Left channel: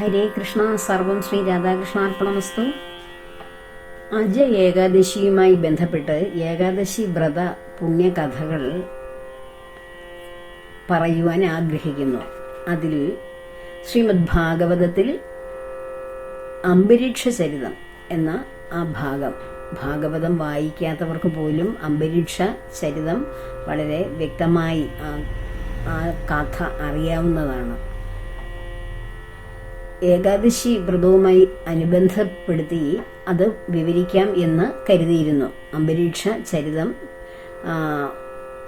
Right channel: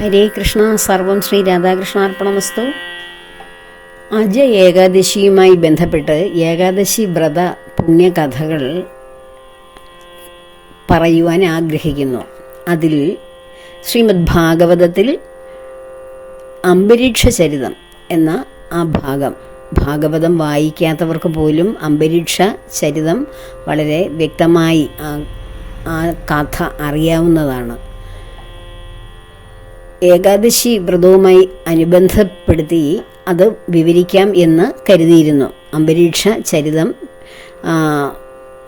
ഹരേ കൃഷ്ണ സർവം ശ്രീ രാധാകൃഷ്ണാർപ്പണമസ്തു. അജ ഏകാദശിയുമായി ബന്ധപ്പെട്ട് ഏകാദശി വ്രത പുണ്യകഥകൾ പറയുവാൻ ആഗ്രഹിക്കുന്നു. അതിൽ ശ്രീമദ് ഭാഗവതത്തിൽ അംബരീക്ഷ ചരിതം എന്ന ആ ഭാഗം ഭാഗവതം വായിക്കാത്തവർക്ക് പോലും അംബരീക്ഷ ചരിതം വളരെ വ്യക്തമായി ആ ആ കഥ അറിയാവുന്നതാണ്. ഏകാദശി വ്രതവുമായി അനുബന്ധപ്പെടുത്തി അത് വിവരിക്കാം എന്ന് കരുതിയിരുന്നു. അന്തരീക്ഷ ചരിതം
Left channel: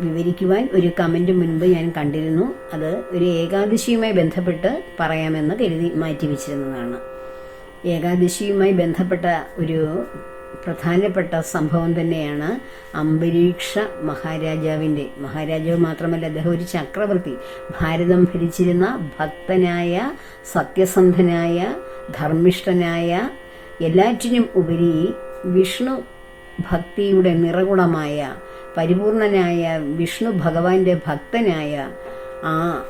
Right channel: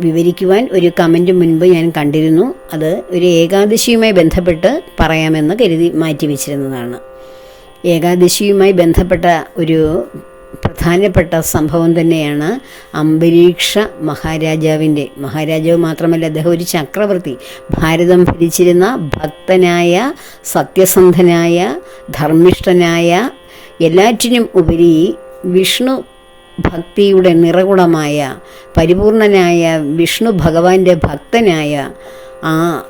വിവരിക്കുവാൻ ഒരു കമന്റ് മുൻപ് ഞാൻ കണ്ടിരുന്നു. അത് ഒരു ഏകാദശിയുമായി ബന്ധപ്പെട്ട് പറയാമെന്ന് കരുതി മാറ്റിവെച്ചിരുന്നതാണ്. ഏകാദശിയുമായി ബന്ധപ്പെട്ട ഒരു പ്രധാനപ്പെട്ട സംഭവം തന്നെയാണ് അംബരീക്ഷ മഹാരാജാവിന്റെ. മഹാരാജാവ് മാത്രമല്ല അദ്ദേഹം ഒരു ചക്രവർത്തി. ഭാരതം ഭരിച്ചിരുന്ന ഭക്തനായ സത്യസന്ധനായ ധർമ്മിഷ്ഠനായ എല്ലാറ്റിനും ഉപരി വിഷ്ണു ഭക്തിയുടെ നിറകുടമായ പരിപൂർണനായ വിഷ്ണു ഭഗവാന്റെ ഭക്തനായ ആ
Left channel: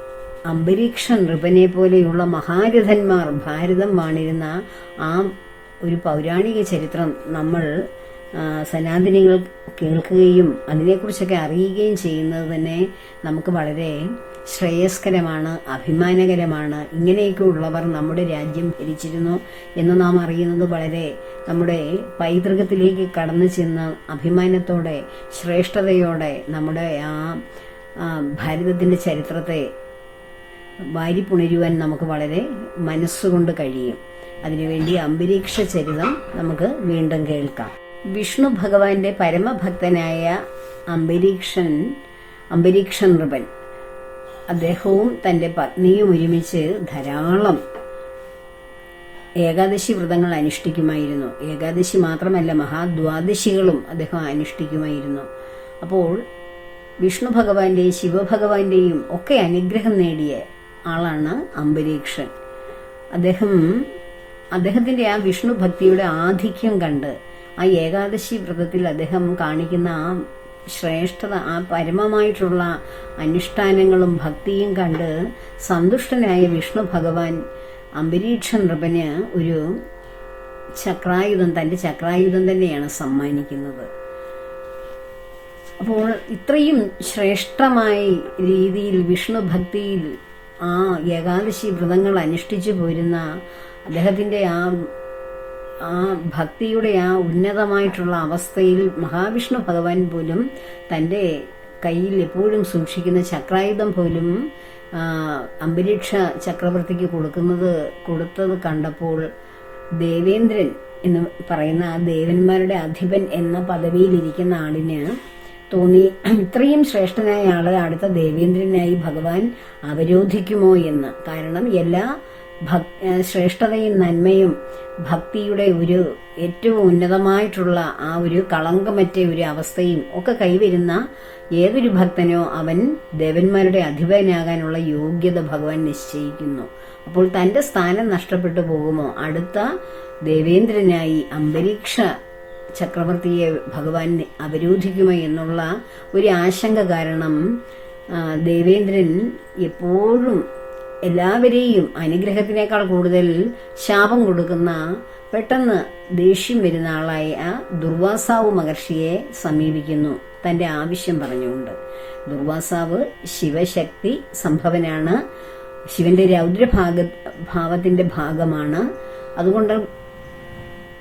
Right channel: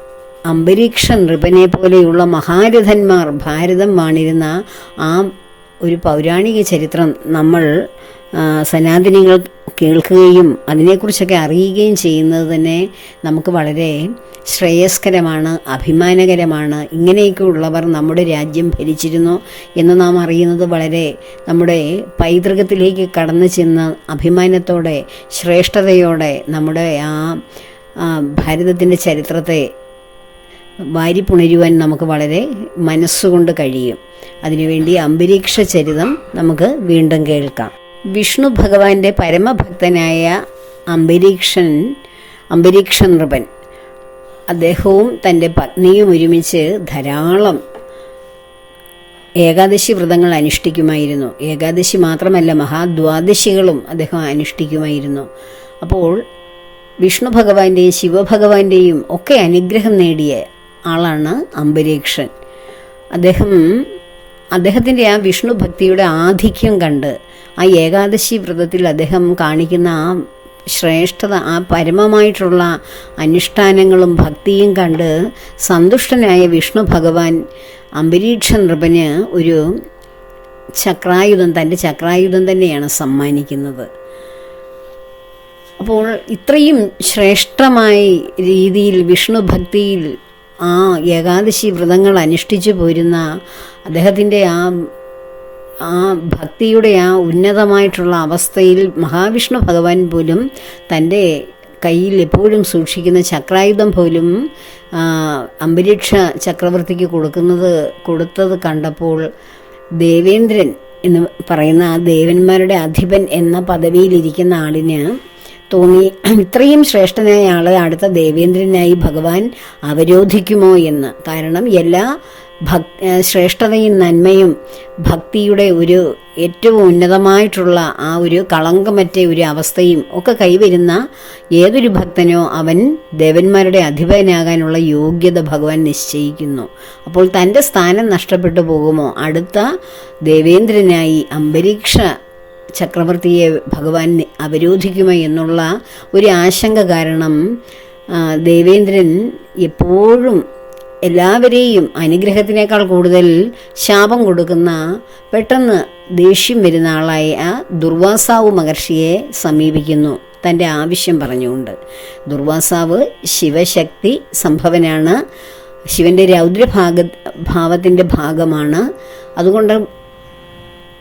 അംബരീക്ഷ നൃപനെ പോലെയുള്ള മഹാരഥന്മാർ ഭാരതം വാണിരുന്ന ആ ഒരു പൗരാണിക ചരിത്രം നമ്മൾ സനാതനികൾ കേൾക്കുകയും അതിനെക്കുറിച്ചൊക്കെ അറിയുകയും ചെയ്യുന്നത് തന്നെ നമുക്ക് വളരെ ശ്രേയസ്കരമാണ് അഭിമാനകരമാണ്. ഇങ്ങനെയൊക്കെ ഉള്ളവർ നമ്മുടെ രാജ്യം ഭരിച്ചിരുന്നു എന്ന് നാം അറിയുന്നത് വളരെ നമ്മുടെ പൈതൃകത്തിലേക്ക് കടന്നു ചെന്ന് അഭിമാനത്തോടെ ശ്രേഷ്ഠതയോടെ നമ്മുടെ ആ, ഭാരതത്തിന്റെ ചരിത്രത്തെ വാരിപ്പുണരുവാൻ നമുക്ക് വളരെ മനസ്സുകൊണ്ട് കഴിയും. അതിനുവേണ്ടി അംബരീക്ഷ ചരിതം നമുക്ക് വീണ്ടും കേൾക്കാം. വിഷ്ണു ഭഗവാന്റെ പരമഭക്തനായ അംബരീക്ഷൻ അംബരീക്ഷ നൃപൻ അദ്ദേഹവും തന്റെ പത്നിയും ഒരുമിച്ച് ധാരാളം ഏകാദശി വ്രതങ്ങൾ അനുഷ്ഠിക്കുമായിരുന്നു. ഏകാദശി മാത്രമല്ല മഹാദ്വാദശികളും അദ്ദേഹം അനുഷ്ഠിക്കുമായിരുന്നു. അപ്പോൾ വിഷ്ണു ഭഗവാന്റെയും ശിവഭഗവാന്റെയും ഒക്കെ അനുഗ്രഹം നേടിയ ആളാണ് അംബരീക്ഷൻ. അദ്ദേഹം അദ്ദേഹത്തിന്റെ ആ വിഷ്ണു ഭക്തിയുടെ ആധിക്യം കണ്ട് ആ ഏകാദശി വ്രതത്തിൽ അദ്ദേഹം കാണിക്കുന്ന ആ ശ്രേഷ്ഠത ആ പരമമായിട്ടുള്ള അനുഷ്ഠാനങ്ങളും ഭക്തിയും കണ്ട് സന്തുഷ്ടനായ വിഷ്ണു ഭഗവാൻ അംബരീക്ഷ നൃപന് ഒരു ചക്രായുധം തന്റെ ചക്രായുധം തന്നെയാണ് സമ്മാനിക്കുന്നത്. അപ്പോൾ ഇത്രയും ശ്രേഷ്ഠമായ രീതിയിൽ വിഷ്ണു ഭക്തിയിൽ ആ ഏകാദശി വ്രതങ്ങൾ അനുഷ്ഠിച്ചു പോരുന്ന അദ്ദേഹത്തിന്റെ ആ ആ ഭക്തിയുടെ ആ ഉന്നതമായിട്ടുള്ള അവസ്ഥയിൽ മഹാവിഷ്ണു ഭഗവാൻ പോലും തന്റെ കയ്യിൽ എപ്പോഴും സൂക്ഷിക്കുന്ന ചക്രായുധം പോലും അംബരീക്ഷ ചക്രവർത്തിക്ക് കൊടുക്കുന്നത് കൊടുത്തത് കണ്ടപ്പോൾ ദേവേന്ദ്രൻ എന്ന് പറയുന്ന ആ ദേവന്മാരുടെ അധിപൻ എന്ന പദവിയിലിരിക്കുന്ന ആളിന് തോന്നി. ഇത്രയും ശ്രേഷ്ഠനായ ആളെ അടുത്ത ദേവേന്ദ്രനായി ഭഗവാൻ അവരോധിക്കുമോ എന്ന്. കാരണം എല്ലാ ഭക് ശ്രേഷ്ഠതയും നന്മയും ഭക്തിയുടെ ഒരു ഏറ്റവും ഉന്നതമായിട്ടുള്ള ആ ഒരു കളങ്കമറ്റ ഒരു അവസ്ഥയും ഒക്കെ കൈവരുന്ന ഏതൊരു ഭക്തനോ അവൻ ദേവന്മാരുടെ അധിപനാകാനുള്ള യോഗ്യത ഭഗവാൻ നിശ്ചയിക്കുന്നു. അപ്പോൾ തന്റെ സ്ഥാനം നഷ്ടപ്പെട്ടു പോകുമോ? അടുത്ത ദേവേന്ദ്രനായി അംബരീക്ഷ ചക്രവർത്തിയെ ഭഗവാൻ അവരോധിക്കുമോ എന്നുള്ള ഒരു ആശങ്ക കാരണം ദേവേന്ദ്രൻ എപ്പോഴും എല്ലാവരെയും അനുഗ്രഹത്തിനേക്കാൾ കൂടുതൽ ശാപം കൊടുക്കുന്ന പെട്ടെന്ന് ദേഷ്യം വരുന്ന ആളായ ദുർവാസാവ് മഹർഷിയെ സമീപിക്കുന്നു. തന്റെ ആവശ്യം പറഞ്ഞുകൊണ്ട്. ദുർവാസാവ് ശിവശക്തി സംഭവനാണ്. ശിവന്റെ രൗദ്രഭാഗ ഭാവത്തിന്റെ ഭാഗമാണ്. അതുകൊണ്ട്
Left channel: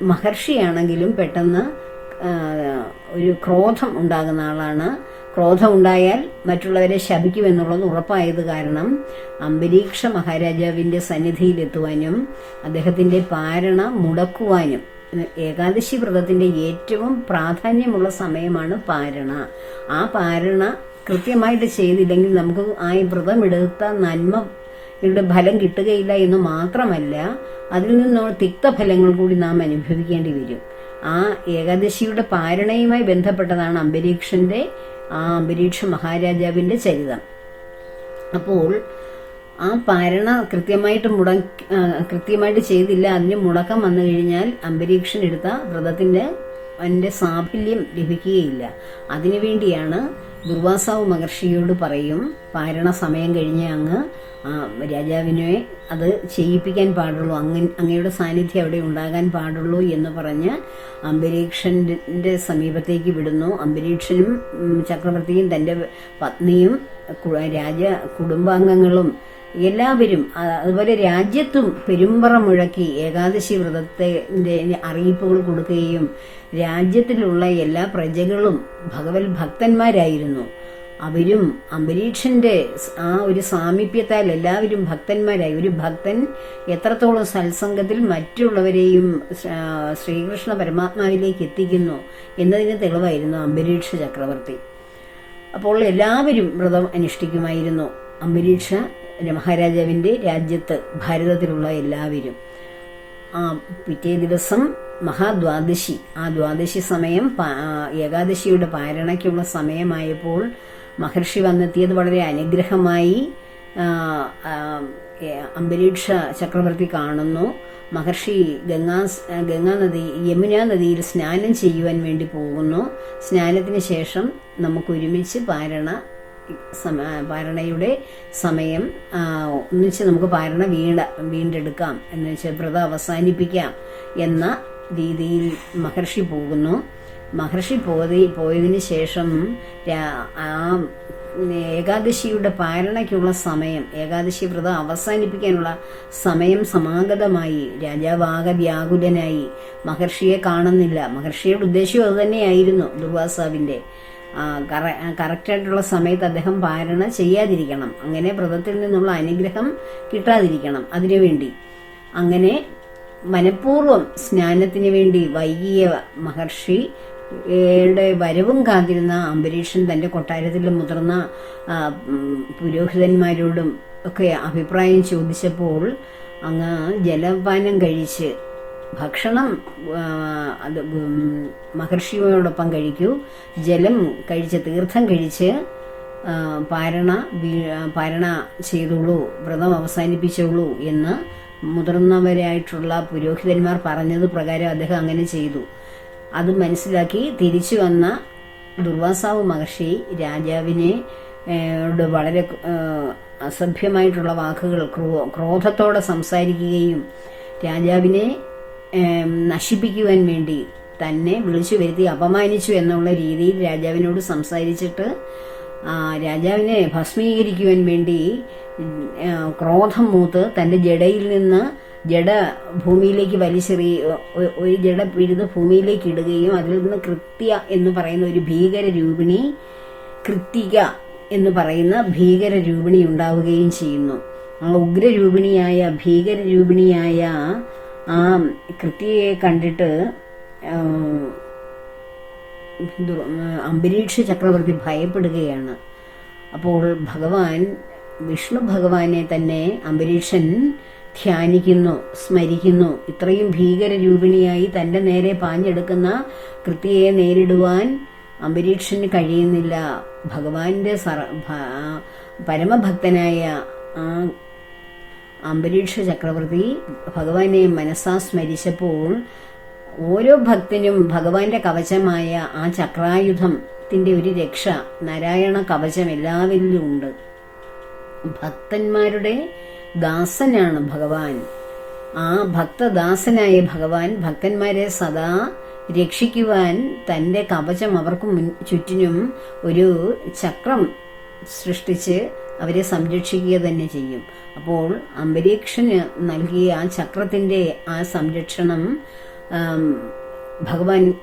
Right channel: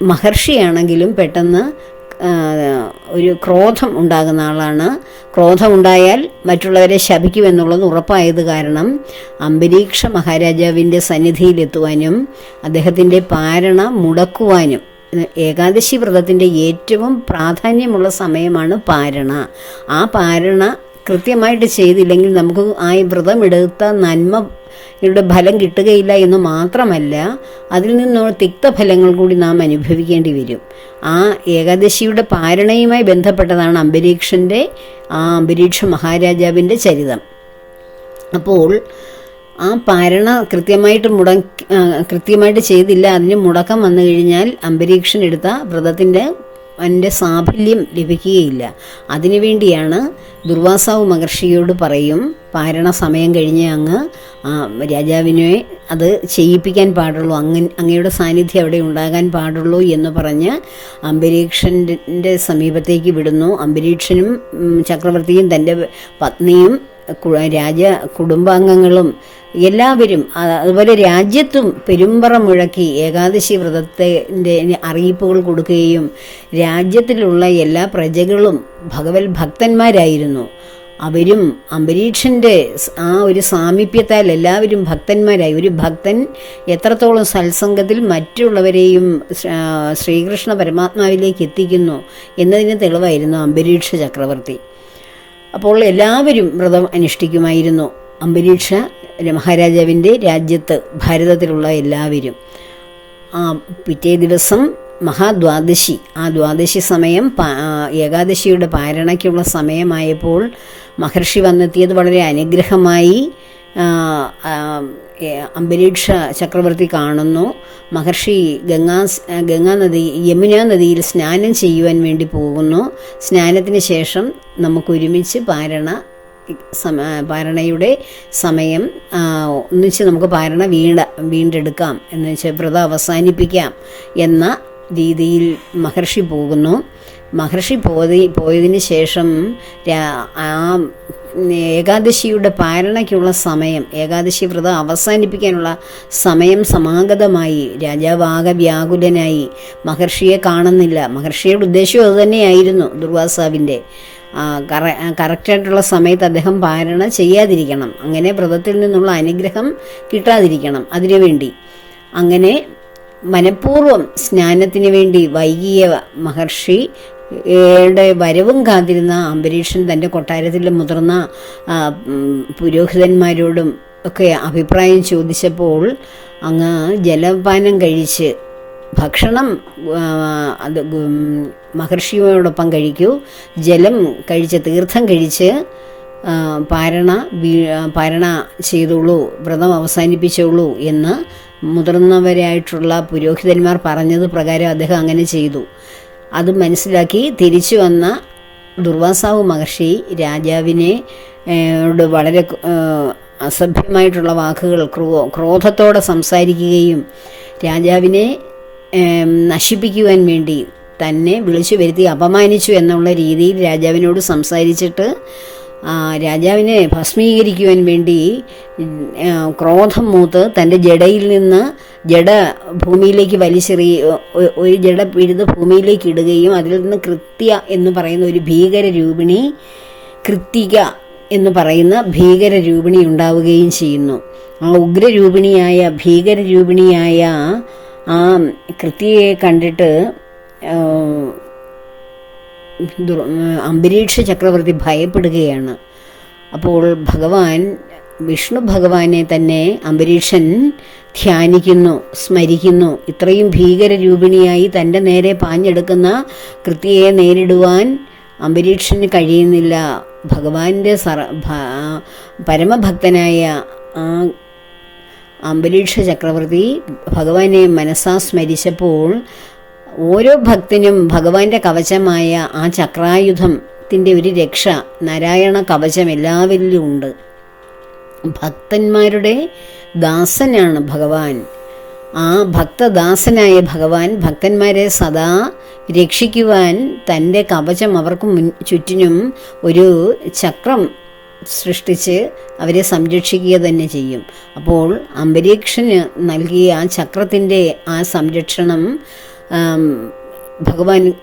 മഹർഷിയാണെങ്കിലും പെട്ടെന്ന് ഒരു ക്രോധം ഉണ്ടാകുന്ന ആളാണ്. ക്രോധമുണ്ടായാൽ മറ്റുള്ളവരെ ശപിക്കുമെന്നുള്ളത് ഉറപ്പായത് കാരണം അംബരീക്ഷ മഹാരാജാവിന്റെ സന്നിധിയിലെത്തുവാനും അദ്ദേഹത്തിന്റെ പാരണ മുടക്കുവാനും ഏകാദശി വ്രതത്തിന്റെ ഏറ്റവും പ്രാധാന്യമുള്ള സമയമാണ് പാരണ. ആ പാരണ കൃത്യമായിട്ട് ചെയ്തില്ലെങ്കിൽ നമുക്ക് ആ വ്രതമെടുത്ത നന്മ യുടെ ഫലം കിട്ടുകയില്ല എന്ന് മാത്രമല്ല അതിൽ നിന്നുള്ള തിക്തഫലങ്ങൾ കൂടി നാം അനുഭവിക്കേണ്ടി വരും. ആ ഏകാദശിയുടെ പാരണയുമായി ബന്ധപ്പെട്ടതാണ് അംബരീക്ഷന്റെ ആ അംബരീക്ഷ മഹാരാജാവിന്റെ ചരിതം. അപ്പോൾ ആ പാരണ കൃത്യമായിട്ട് മുട കൃത്യമായിട്ട് ചെയ്തില്ല അതിന് മുടക്കം വന്നു കഴിഞ്ഞാൽ അംബരീക്ഷൻ എടുത്ത വ്രതത്തിന്റെ ഭഗവാന്റെ സാഫല്യം ലഭിക്കുകയില്ല. അതിനുവേണ്ടിയാണ് ദുർവാസാവ് മഹർഷിയോട് പറയും പാരണ സമയം കഴിഞ്ഞ് അങ്ങ് രാജാവിനെ അത് ചെയ്യിപ്പിക്കാൻ പാടുള്ളൂ. അങ്ങ അങ്ങയുടെ സാന്നിധ്യം അവിടെ ഉണ്ടാകാൻ പാടുള്ളൂ എന്ന് പറഞ്ഞ് അംബരീക്ഷന്റെ സമീപത്തേക്ക് വിടുന്നു. അംബരീക്ഷനും ചക്രവർത്തിയും തന്റെ പത്നിയും രാജ കുടുംബാംഗങ്ങളും എല്ലാവരും അതുപോലെ രാജ്യത്തും പെരുമ്പറ മുഴക്കി ഏകാദശി വ്രതത്തിന്റെ അറിയിപ്പുകൾ കൊടുക്കുകയും രാജ്യത്തിലുള്ള എല്ലാ പ്രജകളും ഭഗവത് ഭക്തന്മാരായിരുന്നു. അവരും അംബരീക്ഷന്റെ ആ ഒരു സാമീപ്യത്താൽ എല്ലാവരും ഭക്തന്മാരായി. ഒരു ഭക്തൻ എത്രത്തോളം സത്സംഗത്തിൽ മറ്റുള്ളവരെയും ശ്രീകൃഷ്ണ പരമാത്മാവിലേക്ക് എത്തിക്കുന്നു എന്നതിന് തെളിവായിരുന്നു അംബരീക്ഷ ചക്രവർത്തി. അപ്പോൾ എല്ലാവരും വ്രതം അനുഷ്ഠിക്കുമായിരുന്നു. അംബരീക്ഷ മഹാരാജാവിന്റെ രാജ്യത്ത് ഭാരതത്തിലുള്ള എല്ലാവരും. പിറ്റേ ദിവസം മഹാദ്വാദശി. ആ ദ്വാദശി സമയം ഏകാദശിയുടെ പാരണയ്ക്കുള്ള സമയമായപ്പോൾ മഹർഷി വന്നെത്തിയത് വളരെ അനുഗ്രഹമായി. അംബരീക്ഷ ചക്രവർത്തി കാണുന്നു. മഹർഷി ഗംഗാ ഗംഗാ നദി യമുന നദിയിൽ സ്നാനം ചെയ്യുവാൻ വേണ്ടി പോകുന്നു. സ്നാനത്തിന് ശേഷം നമുക്ക് ഒരുമിച്ച് പാരണ സമ പാരണയുടെ സമയം ഒന്നിച്ച് നമുക്ക് പാരണ വീണ്ട വീണ്ടെടുക്കാം. എന്ന് വെച്ചാൽ വ്രതം അവസാനിപ്പിക്കാം എന്ന രീതിയിൽ മഹർഷി പോകുന്നു. മഹർഷി പോയി പോയതിന് ശേഷം ആ ഏകാദശിയുടെ പാരണയ്ക്കുള്ള സമയം ഏകാദശി വ്രതം അവസാനിപ്പിക്കാനുള്ള സമയം സമാഗതമായി. രാജാവ് ആകെ വ്യാകുലനായി. മഹർഷിയെ കാണുന്നില്ല. മഹർഷിയുടെ ഉദ്ദേശവും അതുതന്നെയായിരുന്നു ദുർവാസാവിന്റെ. കറ കറക്റ്റായിട്ടുള്ള സമയത്ത് അദ്ദേഹം പാരണ ചെയ്യാതിരിക്കണം. അങ്ങനെ വ്രതത്തിൽ നിന്നുള്ള അനുഗ്രഹം കിട്ടാതിരിക്കണം അതിനുവേണ്ടി. അങ്ങനെ മനഃപൂർവം സ്നാനത്തിന് വേണ്ടി വൈകിയ മഹർഷി യുടെ വരവും കാത്തിരുന്ന അംബരീഷൻ തന്റെ കൊട്ടാരത്തിലെ മുതിർന്ന പുരോഹിതന്മാരോടും ഒക്കെ അഭിപ്രായം ചോദിച്ചപ്പോൾ അങ്ങ് ജലപാനം കഴിച്ച് ഭക്ഷണം അത് മഹർഷിയോടൊപ്പം കഴിക്കൂ ജലം കഴിച്ച് തീർത്ഥം കഴിച്ച് പാരണ പാരണ ചെയ്തോളൂ വ്രതം അവസാനിപ്പിച്ചോളൂ എന്ന് മുതിർന്നവരായിട്ടുള്ള പുരോഹിതന്മാർ പറഞ്ഞത് പ്രകാരം അദ്ദേഹം അങ്ങനെ ചെയ്തു. അത് മനസ്സിലാക്കി തിരിച്ചു വന്ന ദുർവാസാവ് മഹർഷി രാജാവിനെ ോട് വളരെ അസഭ്യമായിട്ടുള്ള വാക്കുകൾ ക്രോ ക്രോധത്തോടെ സംസാരിക്കുകയും രാജാവിനെ നശിപ്പിക്കുവാൻ വേണ്ടി തന്നെ വിളിച്ചു വരുത്തി അപമാനിച്ചു എന്നുള്ള രീതിയിൽ രാജാവിനോട് സംസാരിച്ചിട്ട് രാജാവിനെ ഭസ്മീകരിക്കുവാൻ വേണ്ടി ക്രോധം മൂത്ത് തന്റെ ജടയിൽ നിന്ന് ജട ഭൂമിയിലേക്ക് വലിച്ചെറി ഒ- ഒരു ജട പിഴുത് ഭൂമിയിലേക്ക് ഇടുകയും അതിൽ നിന്ന് കൃത്യ എന്ന് പറയുന്ന ഒരു ഭീകര രൂപിണി കൃത്തിക എന്ന് പറയുന്ന ഭീകര രൂപിണി ഉണ്ടാവുകയും ചെയ്യുന്നു. ആ ഉഗ്രരൂപിണിയായ ഭീകരരൂപിണിയായ ആ കൃത്യയെ കണ്ടിട്ട് അംബരീക്ഷ ചക്രവർത്തി ഭയപ്പെടുകയാണ്. അപ്പോൾ ഭഗവാൻ വിഷ്ണു ഭഗവാനെ തന്നെ അംബരീഷൻ ധ്യാനിക്കുന്നു സ്മരിക്കുന്നു. ഇത്രയും ഭീകരരൂപിണിയായി തന്റെ നേരെ പാഞ്ഞെടുക്കുന്ന കൃത്യയെ നേരിടുവാൻ അംബരീക്ഷന് കഴിയുന്നില്ല. ഭഗവാന്റെ സറ പരമഭക്തനായ ആ അംബരീക്ഷ ചക്രവർത്തി ഭഗവാനെ മനസ്സാ സ്മരിച്ചപ്പോൾ ഓരോ ഭക്തനും ഭഗവാന്റെ കവചമായ ആ ചക്രായുധത്തിന്റെ ഒരു രക്ഷ നാരായണ കവചം എല്ലാവരിലും ഉണ്ട്. ഭക്തന്മാരുടെ ദാസനാണ് ഭഗവാൻ. ആ ഭക്തദാസനായ ഭഗവാൻ ഭക്തന്മാരെ സദാ രക്ഷിക്കുവാൻ തന്റെ കവചം അവർക്ക് മുൻ ചുറ്റിനും ഒരു ചക്രം സൃഷ്ടിച്ച് അവരെ സംരക്ഷിക്കുക തന്നെ ചെയ്യും. അപ്പോൾ അംബരീക്ഷന് നൽകിയ ആ ചക്രത്തിന്റെ ആ സംരക്ഷണം ഭഗവാൻ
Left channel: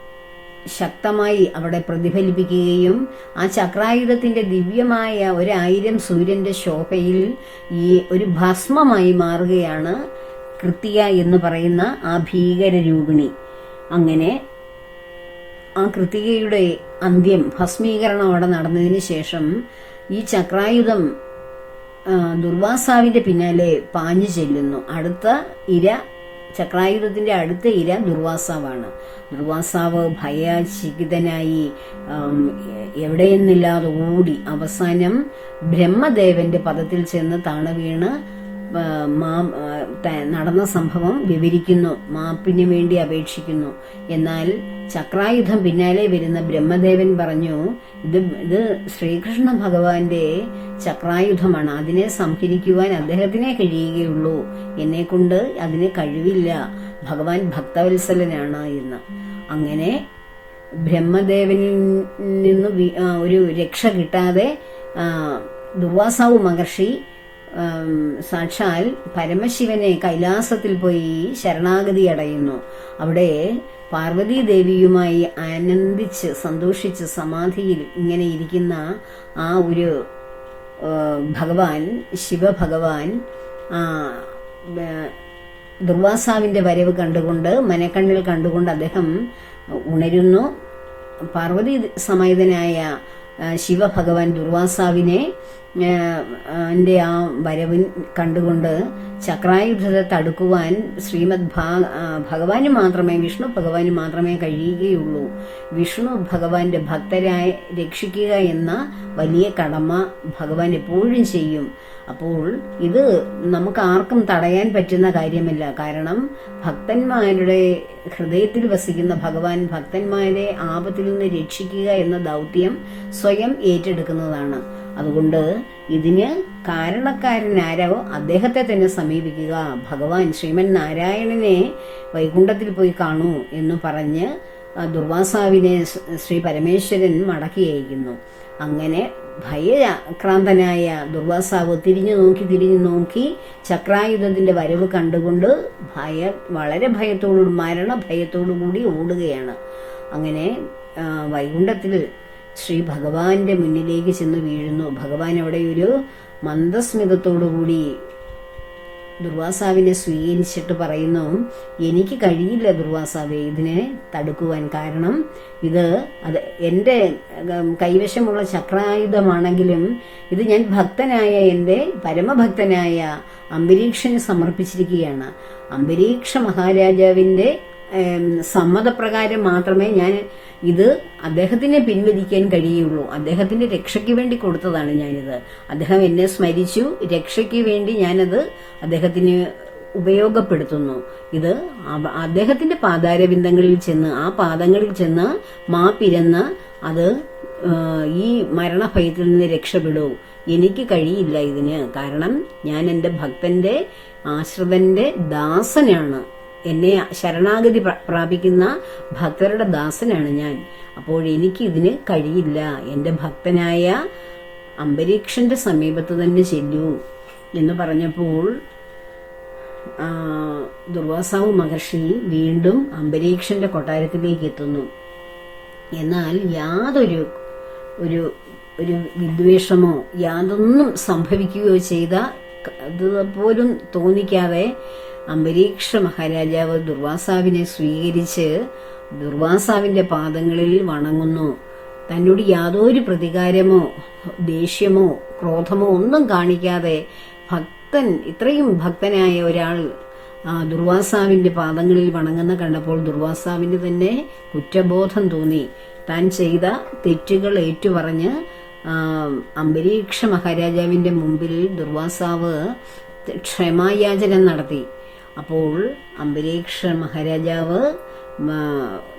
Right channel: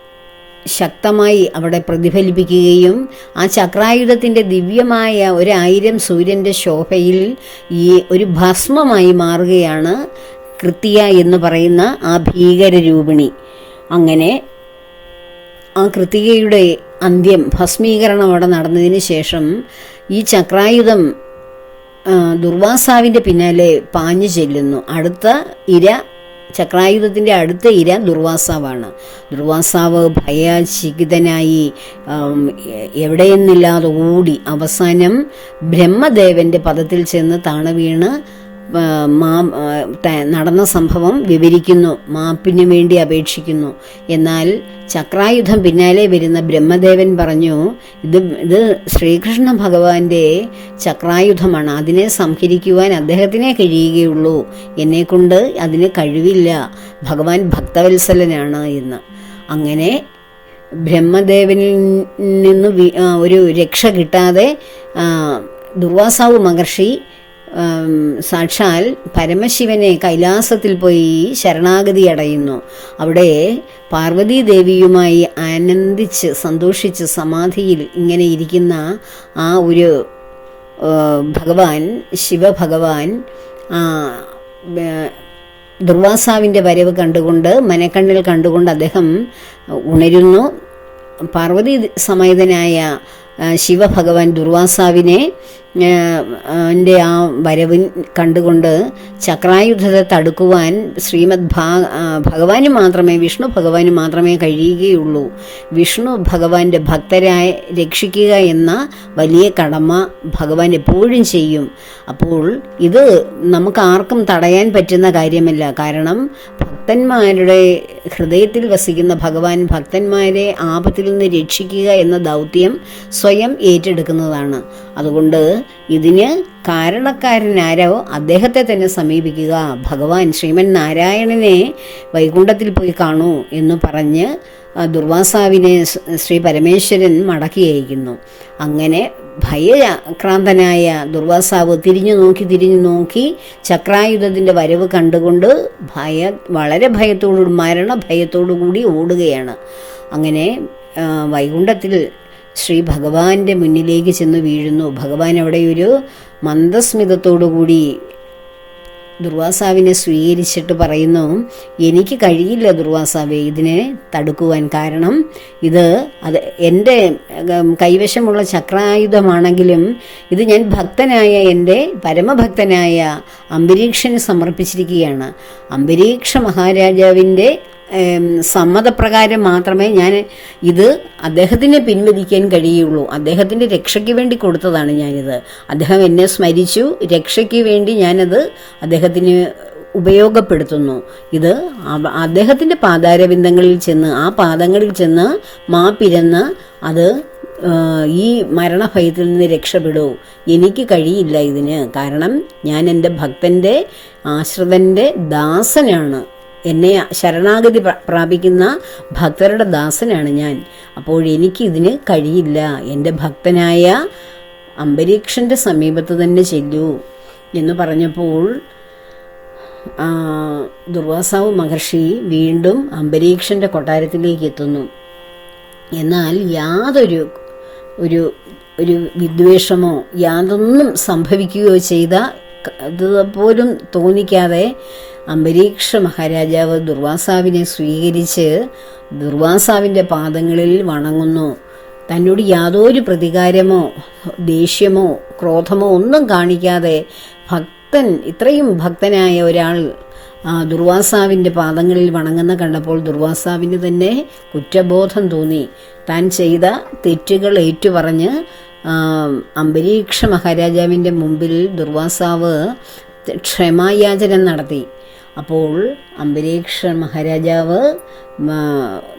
ശക്തമായി അവിടെ പ്രതിഫലിപ്പിക്കുകയും ആ ചക്രായുധത്തിന്റെ ദിവ്യമായ ഒരായിരം സൂര്യന്റെ ശോഭയിൽ ഈ ഒരു ഭസ്മമായി മാറുകയാണ് കൃത്യ എന്ന് പറയുന്ന ആ ഭീകരരൂപിണി. അങ്ങനെ ആ കൃത്തികയുടെ അന്ത്യം ഭസ്മീകരണം അവിടെ നടന്നതിന് ശേഷം ഈ ചക്രായുധം ദുർവാസാവിന്റെ പിന്നാലെ പാഞ്ഞു ചെല്ലുന്നു. അടുത്ത ഇര ചക്രായുധത്തിന്റെ അടുത്ത ഇര ദുർവാസാവാണ്. ദുർവാസാവ് ഭയചികിതനായി എവിടെയെന്നില്ലാതെ ഓടി അവസാനം ബ്രഹ്മദേവന്റെ പദത്തിൽ ചെന്ന് താണ വീണ് നടന്ന സംഭവം വിവരിക്കുന്നു. മാപ്പിനു വേണ്ടി അപേക്ഷിക്കുന്നു. എന്നാൽ ചക്രായുധം പിന്നാലെ വരുന്ന ബ്രഹ്മദേവൻ പറഞ്ഞു ഇത് ഇത് ശ്രീകൃഷ്ണ ഭഗവാന്റെ ചക്രായുധമാണ്. അതിനെ സംഹരിക്കുവാൻ അദ്ദേഹത്തിനെ കഴിയുകയുള്ളൂ. എന്നെക്കൊണ്ട് അതിന് കഴിവില്ല. ഭഗവാൻ ഭക്തവത്സലനാണ് എന്ന്. അങ്ങനെ ബ്രഹ്മദേവനിൽ നിന്ന് ഒരു രക്ഷ കിട്ടാതെ ദുർവാസാവ് മഹർഷി സാക്ഷാൽ പരമശിവനെ കൈലാസത്തിൽ പോയി ശരണാഗതി അടയുന്നു. അവിടെ പാർവതീ ദേവിയുമായി ആനന്ദിച്ച് സന്തോഷിച്ച് സമാധിയിൽ ഇങ്ങനെ ഇരിക്കുന്ന ആ ഒരു ഭഗവാൻ ശിവഭഗവാൻ ദുർവാസാവിന്റെ വരവ് കണ്ടുകൊണ്ട് മനക്കണ്ണിൽ കണ്ടുകൊണ്ട് അദ്ദേഹം ഉണരുന്നു. പാർവതി സമേതനായ ശിവഭഗവാൻ ദുർവാസാവിനെ എന്റെ ആ വരവിൻ കണ്ടുകൊണ്ട് ചക്രായുധത്തെ തടുക്കുവാൻ ശ്രീമദ് ഭാ ഭഗവാന് മാത്രമേ വിഷ്ണു ഭഗവാന് മാത്രമേ കഴിയുകയുള്ളൂ. വിഷ്ണു ഭഗവാന്റെ ഭക്തരായ രക്ഷിക്കുക എന്ന വലിയ കടമ ഭഗവാൻ എപ്പോഴും ചെയ്യും. അപ്പോൾ ഇത് നമുക്ക് ആർക്കും തടയാൻ പറ്റുന്ന കാര്യമല്ല. കാരണം ഭക്തന്മാരുടെ ഹൃദയത്തിൽ വസിക്കുന്ന ഭഗവാൻ ഭക്തന്മാരെ ആപത്തിൽ നിന്ന് രക്ഷിക്കുക എന്ന ദൗത്യം സ്വയം ഏറ്റെടുക്കുന്നതാണ്. അതുകൊണ്ട് ഇതിന് കാരണക്കാരനാരോ അദ്ദേഹത്തെ തന്നെ സമീപിക്കുക. ഭഗവാൻ ശ്രീമൻ നാരായണനെ വൈകുണ്ഠത്തിൽ പോയി കാണൂ എന്ന് പറഞ്ഞ് ദുർവാസാവിനെ ശ്രീ പരമേശ്വരൻ മടക്കി അയക്കുന്നു. അങ്ങനെ ഭയക്രാന്തനായ ദുർവാസാവ് തിരിഞ്ഞു നോക്കി തിരിഞ്ഞു നോക്കി ചക്രായുധത്തിന്റെ വരവ് കണ്ടുകൊണ്ട് ഭയ വളരെ ഭയത്തോടു മരണഭയത്തോടു കൂടി ഓടുകയാണ്. അങ്ങനെ വൈകുണ്ഠത്തിൽ ശ്രീ ഭഗവാന്റെ മുന്നിലേക്ക് ചെന്ന് വീഴുന്നു. ഭഗവാൻ അവിടെ ഒരു മന്ദസ്മിതത്തോടു കൂടി ദുർവാസാവിനെ സ്വീകരിച്ചിട്ട് പറയുന്നു എനിക്ക് കഴിയില്ല ദുർവാസാവെ ഇതിനെ തടുക്കുവാൻ കാരണം ഇത് അത് എന്റെ കൈവശമുള്ള ചക്രായുധമാണെങ്കിലും ഇത് ഞാൻ ഭക്തനായ എന്റെ പരമഭക്തനായ അംബരീക്ഷന് സമർപ്പിച്ചിരിക്കുകയാണ്. അംബരീക്ഷ മഹാരാജാവിന്റെ സമ്മതപ്രകാരം മാത്രമേ ഞാൻ ഇത് അദ്ദേഹത്തിന് പിൻവലിക്കാൻ കഴിയുള്ളൂ. അദ്ദേഹത്തിന്റെ രക്ഷയ്ക്ക് വേണ്ടി കൊടുത്തതാണ് ഞാനിത്. അദ്ദേഹം എന്നെ സ്മരിച്ചു. രക്ഷയ്ക്ക് വേണ്ടി ഞാനത് അദ്ദേഹത്തിന് ഉപയോഗപ്പെടുത്തുന്നു. ഇത് അദ്ദേഹത്തിന്റെ പാതാരബിന്ദങ്ങളിൽ ചെന്ന് ആ പാദങ്ങളിൽ ചെന്ന് മാപ്പിരന്ന് അത് ഈ മരണഭയത്തിൽ നിന്ന് രക്ഷപ്പെടൂ. എനിക്ക് കഴിയില്ല ഇതിന്. കാരണം ഞാൻ എന്റെ ഭക്തന്റെ ആശ്രിതന്റെ ദാസനാണ്. എന്നെ ശരണാഗതി പ്ര- പ്രാപിക്കുന്ന ഭക്തരുടെ ദാസനാണ് ഞാൻ. അപ്പോൾ എനിക്ക് ഇതിന് കഴിയില്ല. എന്റെ ഭക്തനായ അംബരീക്ഷന്റെ സമീപത്ത് തന്നെ ചെല്ലൂ എന്ന് പറഞ്ഞപ്പോൾ ദുർവാസാവ് മഹർഷി വീണ്ടും അംബരീക്ഷന്റെ കൊട്ടാരത്തിലേക്ക് എത്തുന്നു. എന്നാൽ യാതൊരു ഒരു ഒരു വിദ്വേഷമോ യാതൊന്നും സംഭവിക്കുകയോ ചെയ്ത പോലും തോന്നിക്കാതെ അംബരീക്ഷ മഹാരാജാവ് ദുർവാസാവിനെ സ്വീകരിച്ച് ദുർവാസാവിന്റെ പാദങ്ങളിൽ വണങ്ങുന്നു. തന്നോട് യാതൊരു പ്രതികാരമോ ദേഷ്യമോ ക്രോധമോ ഒന്നും കാണിക്കാതെ ഭക്തൻ ഇത്രയും ഭക്തനായ ഒരാൾ ദുർവാസാവിന്റെ പാദങ്ങളിൽ വണങ്ങുന്ന കണ്ടപ്പോൾ ദുർവാസാവിന് തന്നെ കുറ്റബോധം തോന്നി. താൻ ചെയ്ത തെറ്റുകൾ ഏറ്റുപറഞ്ഞ് അംബരീക്ഷ മഹാരാജാവിന്റെ മുമ്പിൽ ദുർവാസാവ് ക്ഷമായാചനം നടത്തി. അപ്പോൾ അംബരീക്ഷ മഹാരാജാവ്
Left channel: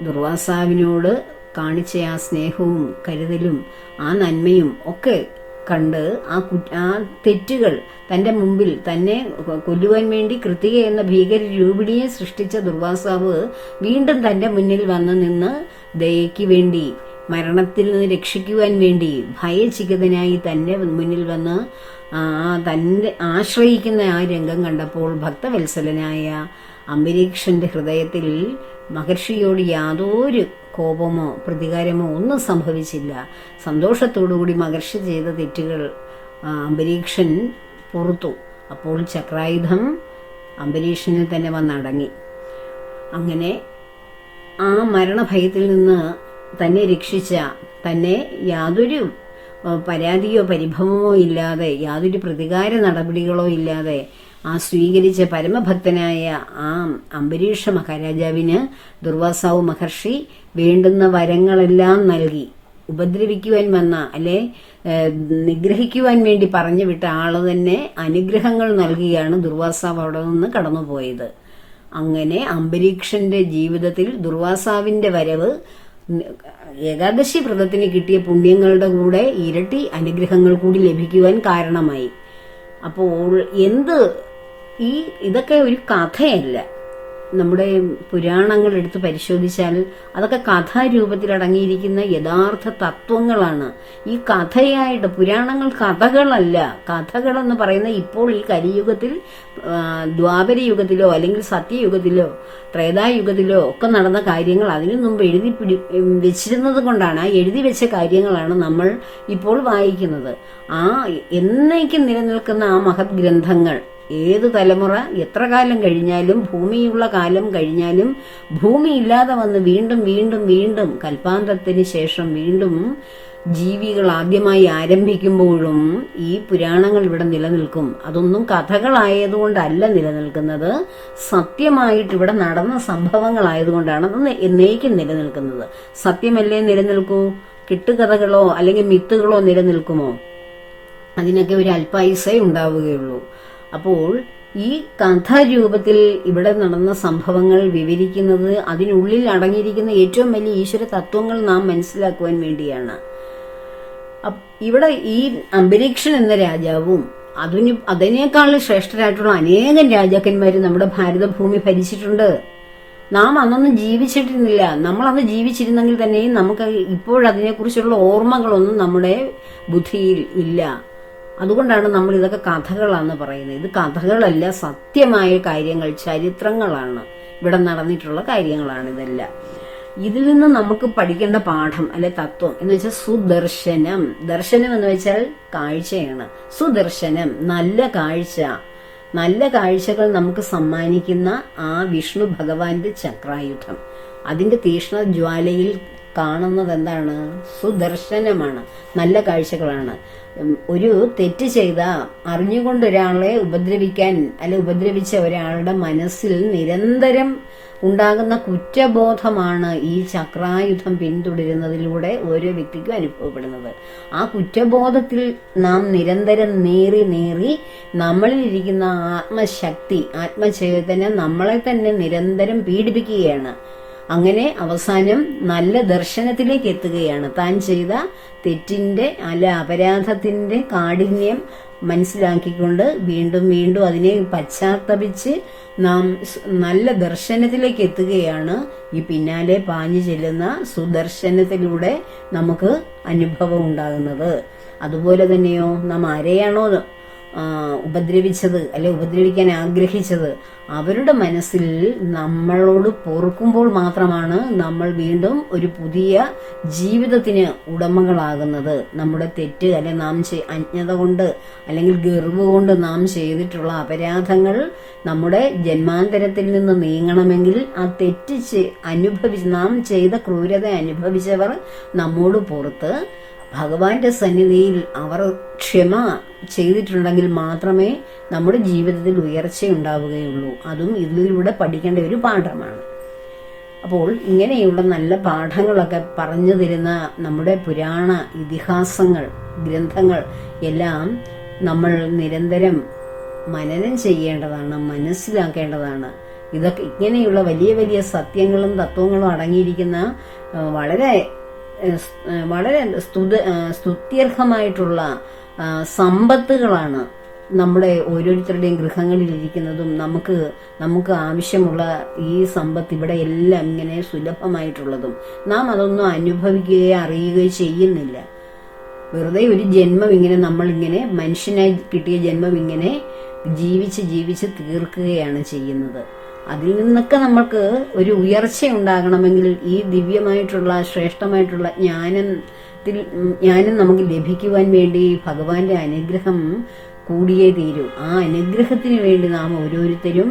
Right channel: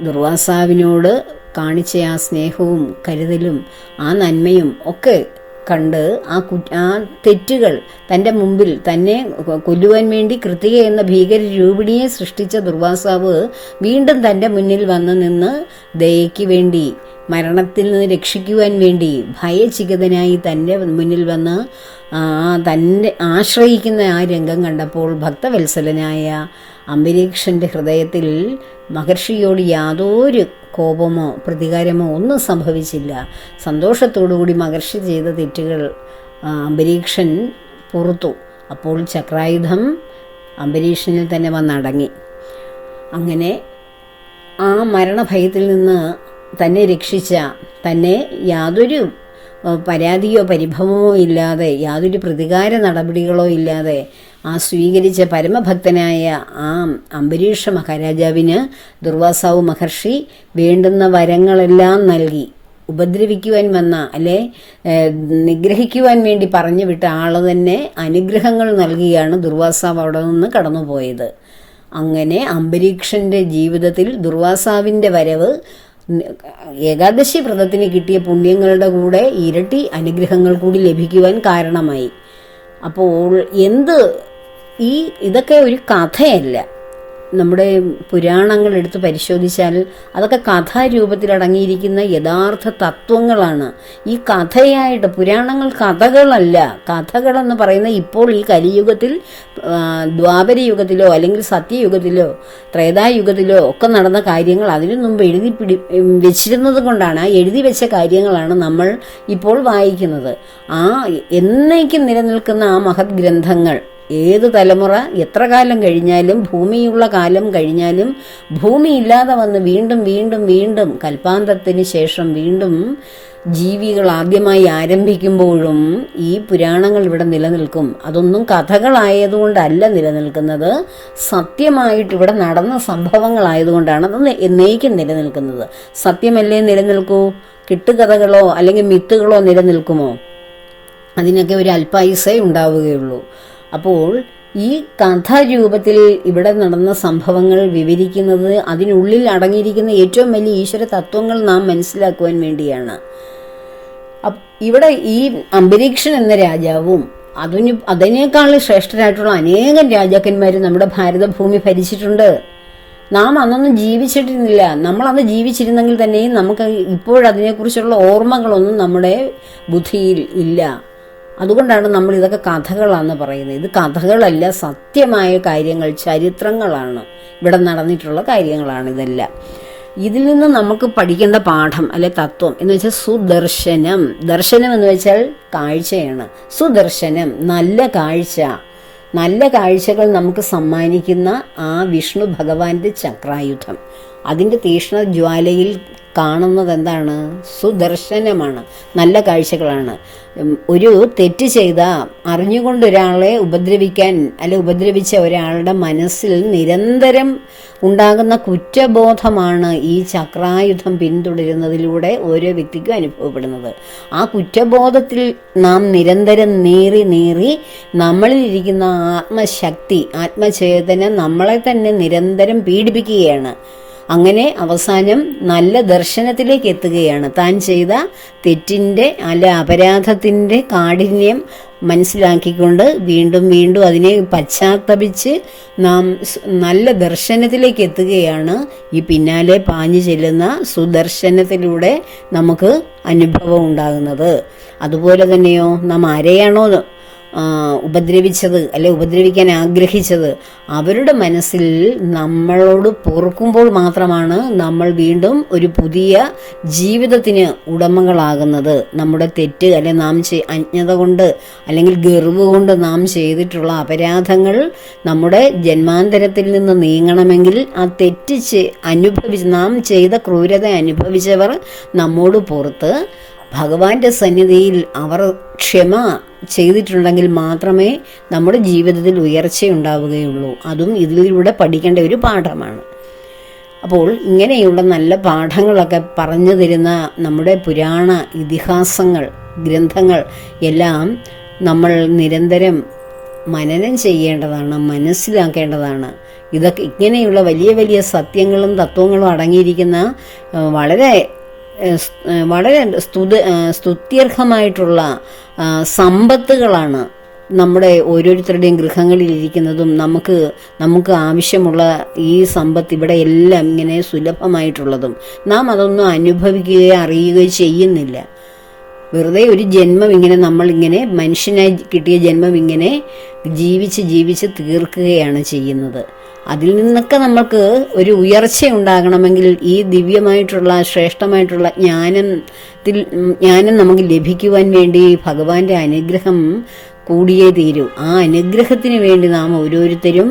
ദുർവാസാവിനോട് കാണിച്ച ആ സ്നേഹവും കരുതലും ആ നന്മയും ഒക്കെ കണ്ട് ആ കു ആ തെറ്റുകൾ തന്റെ മുമ്പിൽ തന്നെ കൊല്ലുവാൻ വേണ്ടി കൃതിക എന്ന ഭീകര രൂപിണിയെ സൃഷ്ടിച്ച ദുർവാസാവ് വീണ്ടും തന്റെ മുന്നിൽ വന്നു നിന്ന് ദയയ്ക്ക് വേണ്ടി മരണത്തിൽ നിന്ന് രക്ഷിക്കുവാൻ വേണ്ടി ഭയചികിതനായി തന്റെ മുന്നിൽ വന്ന് തന്നെ ആശ്രയിക്കുന്ന ആ രംഗം കണ്ടപ്പോൾ ഭക്തവത്സലനായ അംബരീക്ഷന്റെ ഹൃദയത്തിൽ മഹർഷിയോട് യാതൊരു കോപമോ പ്രതികാരമോ ഒന്നും സംഭവിച്ചില്ല. സന്തോഷത്തോടുകൂടി മഹർഷി ചെയ്ത തെറ്റുകൾ അംബരീക്ഷൻ പുറത്തു. അപ്പോൾ ചക്രായുധം അംബരീക്ഷനിൽ തന്നെ വന്നടങ്ങി. അങ്ങനെ ആ മരണഭയത്തിൽ നിന്ന് തന്നെ രക്ഷിച്ച തന്നെ യാതൊരു പരാതിയോ പരിഭവമോ ഇല്ലാതെ യാതൊരു പ്രതികാര നടപടികളോ ഇല്ലാതെ ആ സ്വീകരിച്ച പരമഭക്തനായ ആ അംബരീഷ മഹാരാജാവിന് ദുർവാസാവ് മഹർഷി വേണ്ടുന്ന വരങ്ങളെല്ലാം നൽകി. ഉപദ്രവിക്കുവാൻ വന്ന അല്ലെ നിഗ്രഹിക്കുവാൻ വേണ്ടി പറഞ്ഞു വിട്ട ആൾ തന്നെ അനുഗ്രഹങ്ങൾ നൽകിയാണ് ദുർവാസാവ് അവിടെ നിന്ന് കടന്നുപോയത്. അങ്ങനെ അംബരീക്ഷന്റെ ജീവിതത്തിൽ ദുർവാസാവിന്റെ വരവ് ഏകാദശി വ്രതത്തിന് കിട്ടിയ പുണ്യങ്ങളുടെ കൂടെ ഇരട്ടി അനുഗ്രഹങ്ങൾ കൂടി ലഭിക്കുവാൻ കാരണമായി. അപ്പോൾ എന്ത് ഈ ഇതൊക്കെ ഒരു കഥയല്ല. നമ്മുടെ പുരാണങ്ങൾ എടുത്ത് പരിശോധിച്ചാൽ അതൊക്കെ കഥാരൂപത്തിൽ അടങ്ങിയിരിക്കുന്ന യഥാർത്ഥ തത്വങ്ങളാണ്. ഈ കഥയായിട്ട് പുരാണങ്ങൾ കഥകളല്ല. കഥകളെന്ന് പറയുന്ന ഇപ്പോൾ ഈ കലിയുഗത്തിൽ ദ്വാപരയുഗത്തിലോ യുഗത്തിലോ അല്ലെങ്കിൽ സത്യയുഗത്തിലോ ത്രേതായുഗത്തിലോ ഒക്കെ നടന്ന കാര്യങ്ങൾ അതിനു മുമ്പ് എഴുതി പിടി വെച്ചിരുന്നത് കൊണ്ടാണ് എഴുതി വെച്ച കാര്യങ്ങളാണ് നമ്മൾ ഇപ്പോൾ വായിക്കുന്നത്. ആ എന്നേക്കും നിലനിൽക്കുന്ന ആ മഹത് ഗ്രന്ഥങ്ങൾ ഏത് തലമുറ എത്ര കാലം കഴിഞ്ഞാലും ഭൂമിയുള്ള കാലം കഴിഞ്ഞാലും ഭൂമി ഇല്ലാതെ വന്ന് വീണ്ടും വീണ്ടും വീണ്ടും കൽപ്പാന്തത്തിന് ശേഷം വീണ്ടും ജീവികൾ ആദ്യമായി ആരംഭിക്കുമ്പോഴും ഈ പുരാണങ്ങൾ ഇവിടെ നിലനിൽക്കും. അതൊന്നും കഥകളായതുകൊണ്ടല്ല നിലനിൽക്കുന്നത്. സത്യമായിട്ട് ഇവിടെ നടന്ന സംഭവങ്ങളായതുകൊണ്ടാണ് അത് എന്നേക്കും നിലനിൽക്കുന്നത്. സത്യമല്ലേ നിലനിൽക്കൂ? കിട്ടുകഥകളോ അല്ലെങ്കിൽ മിത്തുകളോ നിലനിൽക്കുമോ? അതിനൊക്കെ ഒരു അല്പായുസേ ഉണ്ടാവുകയുള്ളൂ. അപ്പോൾ ഈ കഥാരൂപത്തിൽ ഇവിടെ നടന്ന സംഭവങ്ങൾ വിവരിക്കുന്നത് അതിനുള്ളിൽ അടങ്ങിയിരിക്കുന്ന ഏറ്റവും വലിയ ഈശ്വര തത്വങ്ങൾ നാം മനസ്സിലാക്കുവാൻ വേണ്ടിയാണ്. ഇവിടെ ഈ അംബരീക്ഷൻ എന്ന രാജാവും അതിന് അതിനേക്കാൾ ശ്രേഷ്ഠരായിട്ടുള്ള അനേകം രാജാക്കന്മാർ നമ്മുടെ ഭാരതഭൂമി ഭരിച്ചിട്ടുണ്ട്. നാം അന്നൊന്നും ജീവിച്ചിട്ടിരുന്നില്ല. നമ്മൾ അന്ന് ജീവിച്ചിരുന്നെങ്കിൽ തന്നെയും നമുക്ക് ഇപ്പോഴതിനെക്കുറിച്ചുള്ള ഓർമ്മകളൊന്നും നമ്മുടെ ബുദ്ധിയിൽ ഇല്ല. അതുകൊണ്ടാണ് നമ്മൾ ഇതൊക്കെ കഥകളാന്ന് പറയുന്നത്. ഇത് കഥകളല്ല സത്യമായ കാര്യങ്ങൾ ചരിത്രങ്ങളാണ്. ഇവിടെ നടന്നിട്ടുള്ള കാര്യങ്ങളാണ് ഇതെല്ലാം. ഇതിൽ നിന്ന് നമുക്ക് പഠിക്കേണ്ട പാഠം അല്ലെ തത്വം എന്ന് വെച്ചാൽ സുദർശനം. ദർശനം എന്ന് വെച്ചാൽ കാഴ്ചയാണ്. സുദർശനം നല്ല കാഴ്ച. നല്ല കാഴ്ചകൾ നമുക്ക് സമ്മാനിക്കുന്ന ആ വിഷ്ണു ഭഗവാന്റെ ചക്രായുധം. അതിന്റെ തീക്ഷ്ണ ജ്വാലയിൽ കാണുന്നത് എന്താണ് സുദർശനമാണ്. നല്ല കാഴ്ചകളാണ്. ഒരു തെറ്റ് ചെയ്ത അറിഞ്ഞുകൊണ്ട് ഒരാളെ ഉപദ്രവിക്കാൻ അല്ലെ ഉപദ്രവിച്ച ഒരാളുടെ മനസ്സിൽ നിരന്തരം ഉണ്ടാകുന്ന കുറ്റബോധമാണ് ഈ ചക്രായുധം പിന്തുടരുന്നതിലൂടെ ഓരോ വ്യക്തിക്കും അനുഭവപ്പെടുന്നത്. ആ കുറ്റബോധത്തിൽ നാം നിരന്തരം നേറി നേറി നമ്മളിലിരിക്കുന്ന ആത്മശക്തി ആത്മചേതന നമ്മളെ തന്നെ നിരന്തരം പീഡിപ്പിക്കുകയാണ്. അങ്ങനെ അവസാനം നല്ല ദർശനത്തിലേക്ക് എത്തുകയാണ്. താൻ ചെയ്ത തെറ്റിന്റെ അല്ല അപരാധത്തിന്റെ കാഠിന്യം മനസ്സിലാക്കിക്കൊണ്ട് വീണ്ടും വീണ്ടും അതിനെ പശ്ചാത്തപിച്ച് നാം നല്ല ദർശനത്തിലേക്ക് എത്തുകയാണ്. ഈ പിന്നാലെ പാഞ്ഞു ചെല്ലുന്ന സുദർശനത്തിലൂടെ നമുക്ക് അനുഭവം ഉണ്ടാകുന്നത്. അതുപോലെ തന്നെയോ നാം ആരെയാണോ ഉപദ്രവിച്ചത് അല്ലെ ഉപദ്രവിക്കാൻ ആഗ്രഹിച്ചത് അവരുടെ മനസ്സിൽ നമ്മളോട് പൊറുക്കുമ്പോൾ മാത്രമാണ് നമ്മൾ വീണ്ടും ഒരു പുതിയ ജീവിതത്തിന് ഉടമകളാകുന്നത്. നമ്മുടെ തെറ്റ് അല്ലെ നാം അജ്ഞത കൊണ്ട് അല്ലെങ്കിൽ ഗർവ് കൊണ്ട് നാം ചെയ്തിട്ടുള്ള അപരാധങ്ങൾ നമ്മുടെ ജന്മാന്തരത്തിൽ നിന്ന് നീങ്ങണമെങ്കിൽ ആ തെറ്റ് അനുഭവിച്ച് നാം ചെയ്ത ക്രൂരത അനുഭവിച്ചവർ നമ്മോട് പുറത്ത് ഭഗവാന്റെ സന്നിധിയിൽ അവർ ക്ഷമ ചെയ്തിട്ടുണ്ടെങ്കിൽ മാത്രമേ നമ്മുടെ ജീവിതത്തിൽ ഉയർച്ച ഉണ്ടാവുകയുള്ളൂ. അതും ഇതിലൂടെ പഠിക്കേണ്ട ഒരു പാഠമാണ്. അപ്പോൾ ഇങ്ങനെയുള്ള നല്ല പാഠങ്ങളൊക്കെ പറഞ്ഞു തരുന്ന നമ്മുടെ പുരാണ ഇതിഹാസങ്ങൾ ഗ്രന്ഥങ്ങൾ എല്ലാം നമ്മൾ നിരന്തരം മനനം ചെയ്യേണ്ടതാണ് മനസ്സിലാക്കേണ്ടതാണ്. ഇതൊക്കെ ഇങ്ങനെയുള്ള വലിയ വലിയ സത്യങ്ങളും തത്വങ്ങളും അടങ്ങിയിരിക്കുന്ന വളരെ വളരെ സ്തുത സ്തുത്യർഹമായിട്ടുള്ള സമ്പത്തുകളാണ് നമ്മുടെ ഓരോരുത്തരുടെയും ഗൃഹങ്ങളിൽ ഇരിക്കുന്നതും നമുക്ക് നമുക്ക് ആവശ്യമുള്ള ഈ സമ്പത്ത് ഇവിടെ എല്ലാം ഇങ്ങനെ സുലഭമായിട്ടുള്ളതും. നാം അതൊന്നും അനുഭവിക്കുകയോ അറിയുകയോ ചെയ്യുന്നില്ല. വെറുതെ ഒരു ജന്മം ഇങ്ങനെ നമ്മൾ ഇങ്ങനെ മനുഷ്യനായി കിട്ടിയ ജന്മം ഇങ്ങനെ ജീവിച്ച് ജീവിച്ച് തീർക്കുകയാണ് ചെയ്യുന്നത്. അതിൽ നിന്നൊക്കെ നമുക്ക് ഒരു ഉയർച്ച ഉണ്ടാകണമെങ്കിൽ ഈ ദിവ്യമായിട്ടുള്ള ശ്രേഷ്ഠമായിട്ടുള്ള ജ്ഞാനത്തിൽ ജ്ഞാനം നമുക്ക് ലഭിക്കുവാൻ വേണ്ടി ഭഗവാന്റെ അനുഗ്രഹം കൂടിയേ തീരൂ. ആ അനുഗ്രഹത്തിന് വേണ്ടി നാം ഓരോരുത്തരും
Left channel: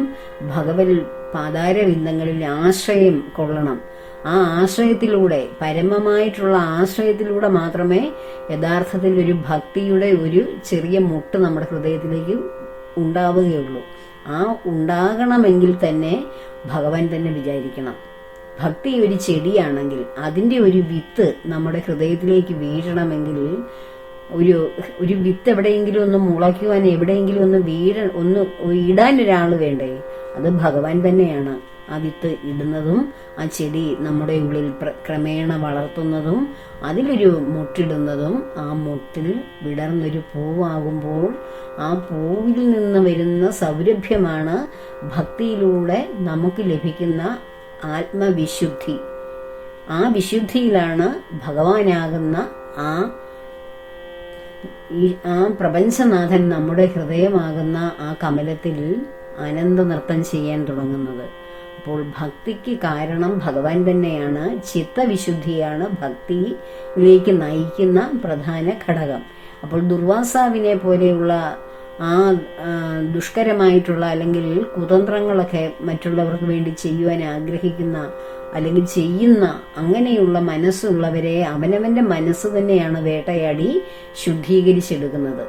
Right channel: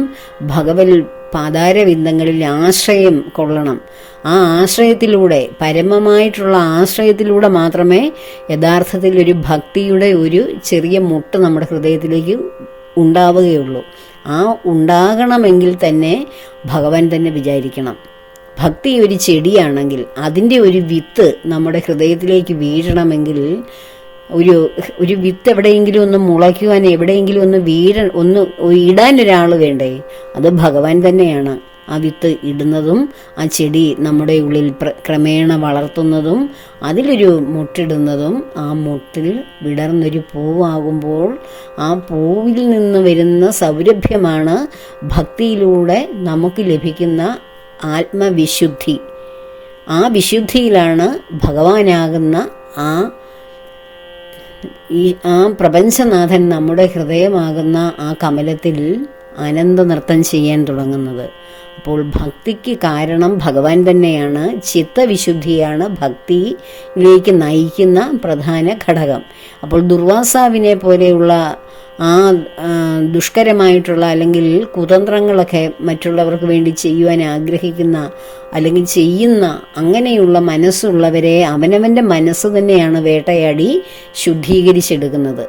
ഭഗവൽ പാതാരവിന്ദങ്ങളിൽ ആശ്രയം കൊള്ളണം. ആ ആശ്രയത്തിലൂടെ പരമമായിട്ടുള്ള ആശ്രയത്തിലൂടെ മാത്രമേ യഥാർത്ഥത്തിൽ ഒരു ഭക്തിയുടെ ഒരു ചെറിയ മുട്ട് നമ്മുടെ ഹൃദയത്തിലേക്ക് ഉണ്ടാവുകയുള്ളൂ. ആ ഉണ്ടാകണമെങ്കിൽ തന്നെ ഭഗവാൻ തന്നെ വിചാരിക്കണം. ഭക്തി ഒരു ചെടിയാണെങ്കിൽ അതിന്റെ ഒരു വിത്ത് നമ്മുടെ ഹൃദയത്തിലേക്ക് വീഴണമെങ്കിൽ ഒരു ഒരു വിത്ത് എവിടെയെങ്കിലും ഒന്ന് മുളയ്ക്കുവാൻ എവിടെയെങ്കിലും ഒന്ന് വീഴ ഒന്ന് ഇടാൻ ഒരാൾ വേണ്ടേ? അത് ഭഗവാൻ തന്നെയാണ്. ആ വിത്ത് ഇടുന്നതും ആ ചെടി നമ്മുടെ ഉള്ളിൽ ക്രമേണ വളർത്തുന്നതും അതിലൊരു മുട്ടിടുന്നതും ആ മുട്ടിൽ വിടർന്നൊരു പൂവാകുമ്പോൾ ആ പൂവിൽ നിന്ന് വരുന്ന സൗരഭ്യമാണ് ഭക്തിയിലൂടെ നമുക്ക് ലഭിക്കുന്ന ആത്മവിശുദ്ധി. ആ വിശുദ്ധിയിലാണ് ഭഗവാനാകുന്ന ആ ഈ ആ പ്രപഞ്ചനാഥൻ നമ്മുടെ ഹൃദയമാകുന്ന ആ കമലത്തിൽ അനന്ത നൃത്തം ചെയ്യാൻ തുടങ്ങുന്നത്. അപ്പോൾ ഭക്തിക്ക് കാരണം ഭഗവാൻ തന്നെയാണ് ചിത്തവിശുദ്ധിയാണ് ഭക്തിയിലേക്ക് നയിക്കുന്ന പ്രധാന ഘടകം. അപ്പോൾ ദുർവാസാവിനെ പോലെയുള്ള ആ ദുഷ്കരമായിട്ടുള്ള അല്ലെങ്കിൽ കുതന്ത്രങ്ങളൊക്കെ മറ്റുള്ളവർക്ക് വേണ്ടി ചെയ്യുവാൻ ആഗ്രഹിക്കുന്ന അല്ലെങ്കിൽ ചെയ്യുന്ന അങ്ങനെയുള്ള മനസ്സുള്ളവരെ അവനവന്റെ മനസ്സ് തന്നെയാണ് വേട്ടയാടി ശുദ്ധീകരിച്ചെടുക്കുന്നത്.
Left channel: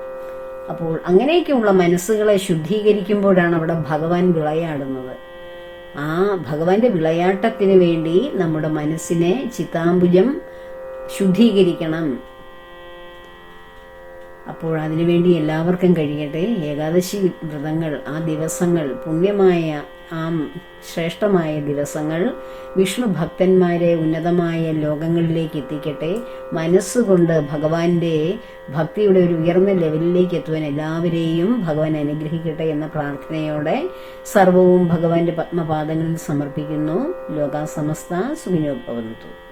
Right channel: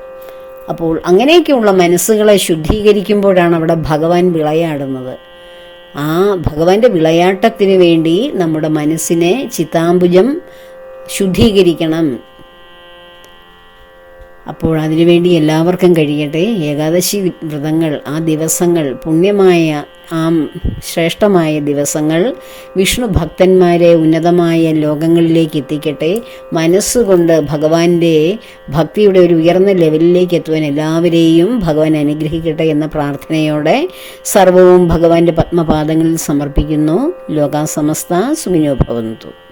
അപ്പോൾ അങ്ങനെയൊക്കെയുള്ള മനസ്സുകളെ ശുദ്ധീകരിക്കുമ്പോഴാണ് അവിടെ ഭഗവാൻ വിളയാടുന്നത്. ആ ഭഗവാന്റെ വിളയാട്ടത്തിന് വേണ്ടി നമ്മുടെ മനസ്സിനെ ചിത്താംബുജം ശുദ്ധീകരിക്കണം. അപ്പോൾ അതിനുവേണ്ടി എല്ലാവർക്കും കഴിയട്ടെ. ഏകാദശി വ്രതങ്ങൾ ആ ദിവസങ്ങൾ പുണ്യമായ ആ ശ്രേഷ്ഠമായ ദിവസങ്ങൾ വിഷ്ണു ഭക്തന്മാരെ ഉന്നതമായ ലോകങ്ങളിലേക്ക് എത്തിക്കട്ടെ. മനസ്സുകൊണ്ട് ഭഗവാന്റെ ഭക്തിയുടെ ഒരു ഉയർന്ന ലെവലിലേക്ക് എത്തുവാൻ എല്ലാവരെയും ഭഗവാൻ അനുഗ്രഹിക്കട്ടെ എന്ന പ്രാർത്ഥനയോടെ സർവവും ഭഗവാന്റെ പത്മപാദങ്ങളിൽ സമർപ്പിക്കുന്നു. ലോകാസമസ്ത സുഖിനോ ഭവന്തു.